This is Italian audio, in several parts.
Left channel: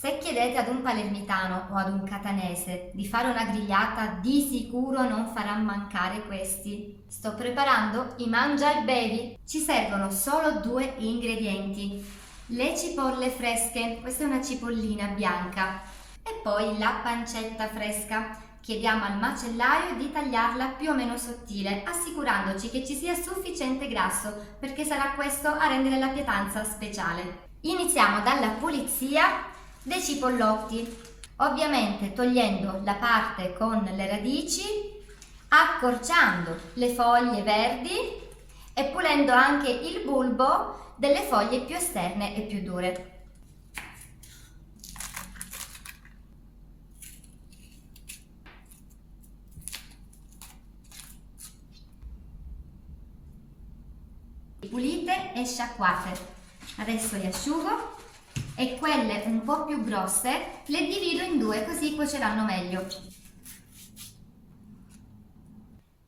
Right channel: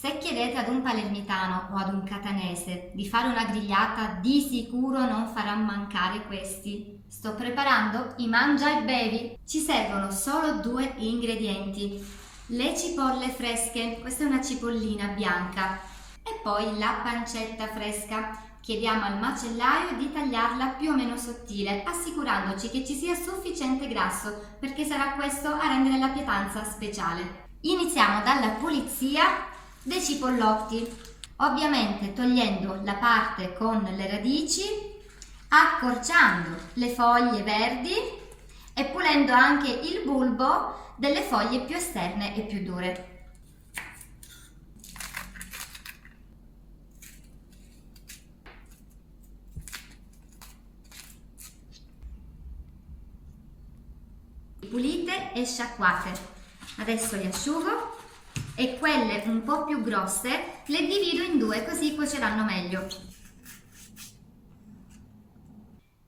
Se chiedete ad un palermitano o ad un catanese di fare una grigliata, di sicuro non farà mancare questi. Sto preparando i mangia e bevi. Ci servono solo 2 ingredienti: le cipolle fresche, questa è una cipollina bianca, e poi la pancetta fresca. Chiediamo al macellaio di tagliarla più o meno sottile, assicurandoci che ci sia sufficiente grasso, perché sarà questo a rendere la pietanza speciale. Iniziamo dalla pulizia dei cipollotti, ovviamente togliendo la parte con le radici, accorciando le foglie verdi e pulendo anche il bulbo delle foglie più esterne e più dure. Pulite e sciacquate. Adesso le asciugo e quelle un po' più grosse le divido in 2, così cuoceranno meglio.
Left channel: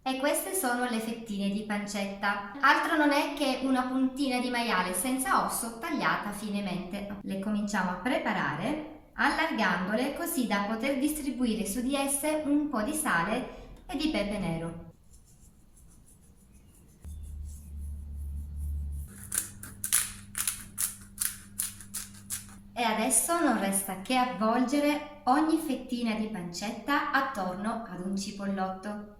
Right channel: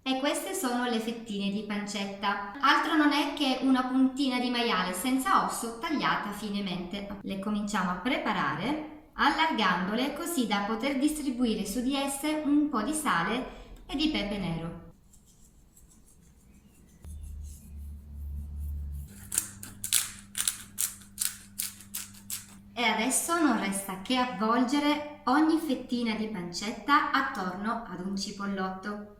E queste sono le fettine di pancetta. Altro non è che una puntina di maiale senza osso tagliata finemente. Le cominciamo a preparare allargandole, così da poter distribuire su di esse un po' di sale e di pepe nero. E adesso non resta che avvolgere ogni fettina di pancetta attorno ad un cipollotto.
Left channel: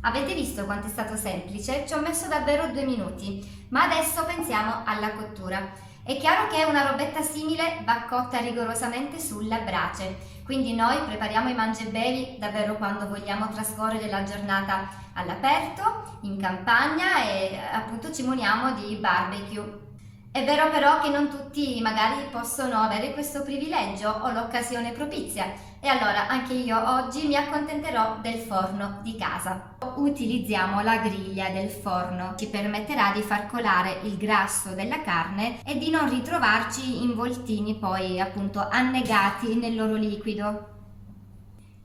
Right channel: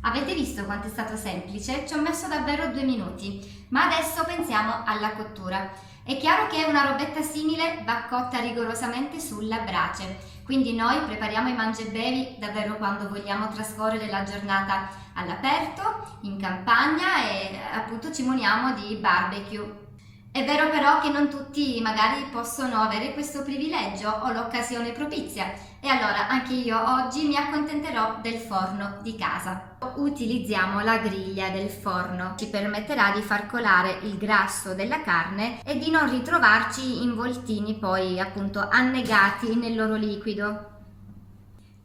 Avete visto quanto è stato semplice? Ci ho messo davvero 2 minuti, ma adesso pensiamo alla cottura. È chiaro che una robetta simile va cotta rigorosamente sulla brace, quindi noi prepariamo i mangiabevi davvero quando vogliamo trascorrere la giornata all'aperto, in campagna e appunto ci muniamo di barbecue. È vero però che non tutti magari possono avere questo privilegio o l'occasione propizia, e allora anche io oggi mi accontenterò del forno di casa. Utilizziamo la griglia del forno, ci permetterà di far colare il grasso della carne e di non ritrovarci involtini poi appunto annegati nel loro liquido.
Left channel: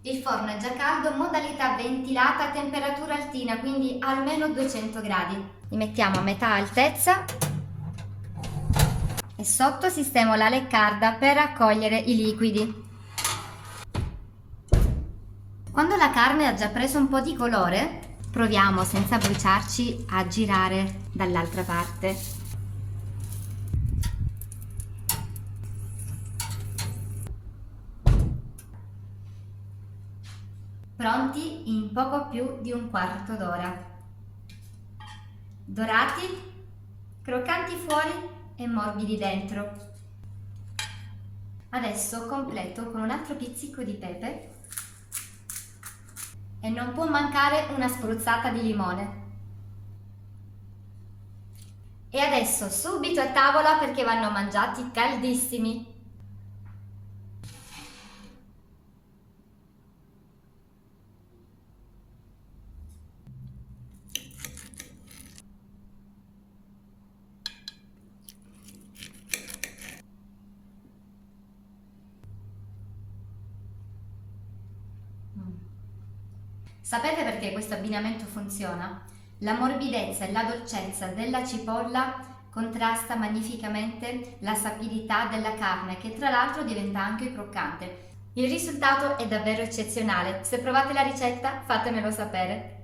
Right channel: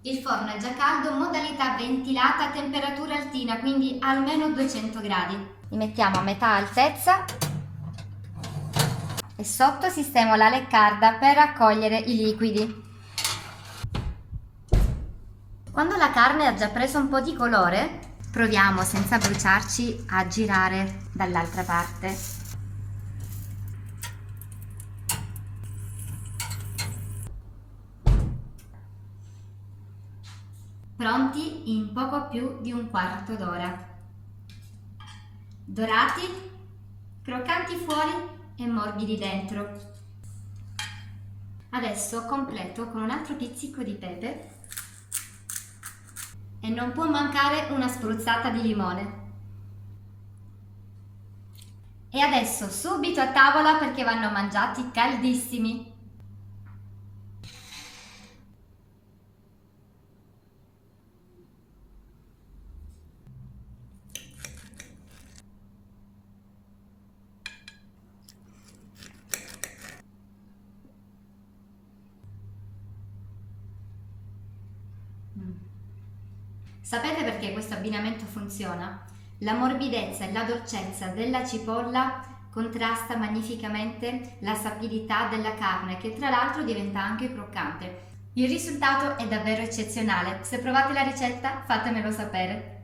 Il forno è già caldo, modalità ventilata a temperatura altina, quindi almeno 200 gradi. Li mettiamo a metà altezza e sotto sistemo la leccarda per raccogliere i liquidi. Quando la carne ha già preso un po' di colore, proviamo senza bruciarci a girare dall'altra parte. Pronti in poco più di un quarto d'ora. Dorati, croccanti fuori e morbidi dentro. Adesso completo con un altro pizzico di pepe e non può mancare una spruzzata di limone. E adesso subito a tavola perché vanno mangiati caldissimi. Sapete perché questo abbinamento funziona? La morbidezza e la dolcezza della cipolla contrasta magnificamente la sapidità della carne, che tra l'altro diventa anche croccante. Il risultato è davvero eccezionale. Se provate la ricetta, fatemelo sapere.